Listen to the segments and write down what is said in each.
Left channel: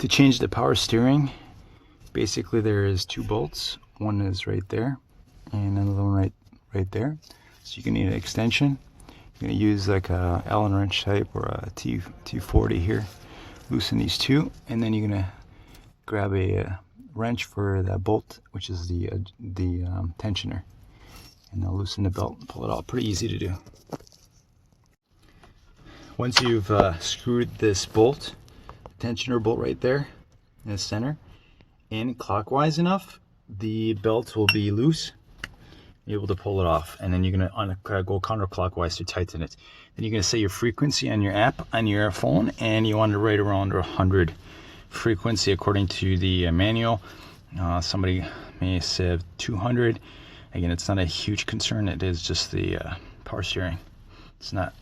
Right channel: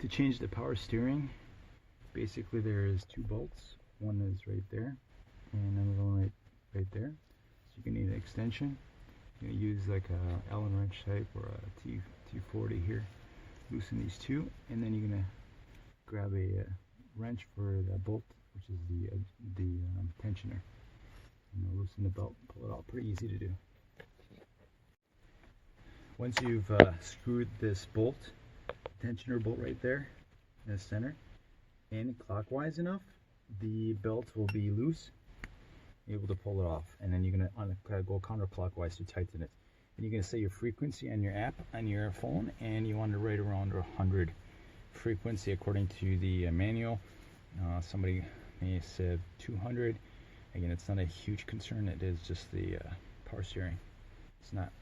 To change the power steering, basically there is two bolts. One is right there and another one right there. So you can need an extension. You're going to use like a Allen wrench type or a T40 here. Loosen these two, and then you're going to grab a wrench for that bolt, which is the tensioner. And now loosen the belt and pull it out. Pretty easy to do. Once you've screwed this bolt, tensioner bolt right there in the center, in clockwise enough, the belt will be loose. You're able to pull it off, and then you're gonna go counterclockwise to tighten it. Then you're gonna set your frequency on your app on your phone, and you want to write around 100 frequency according to the manual. Somebody may say 200. Again, it's not a huge concern. It is just the power steering. It's not,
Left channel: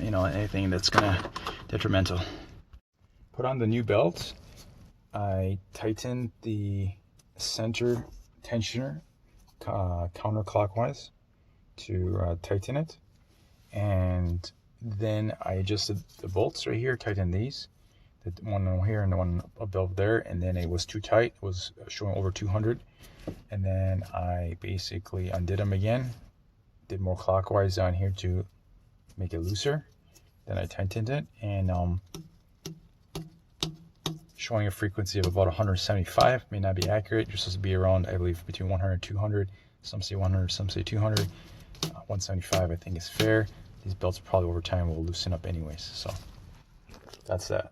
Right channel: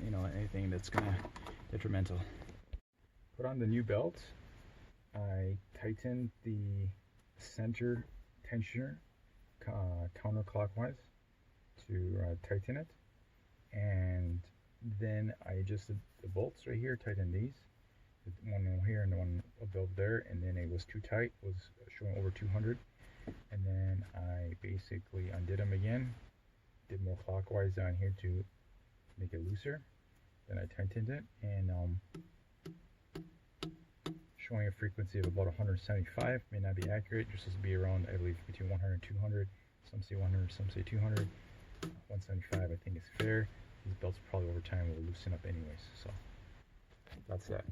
anything that's gonna detrimental. Put on the new belt. I tightened the center tensioner counterclockwise to tighten it, and then I adjusted the bolts right here, tightened these, the one here and the one above there, and then it was too tight, it was showing over 200, and then I basically undid them again, did more clockwise down here to make it looser, then I tightened it, and showing a frequency of about 175. May not be accurate. You're supposed to be around, I believe, between 100 and 200. Some say 100, some say 200. 175 I think is fair. These belts probably over time will loosen up anyways, so that's that.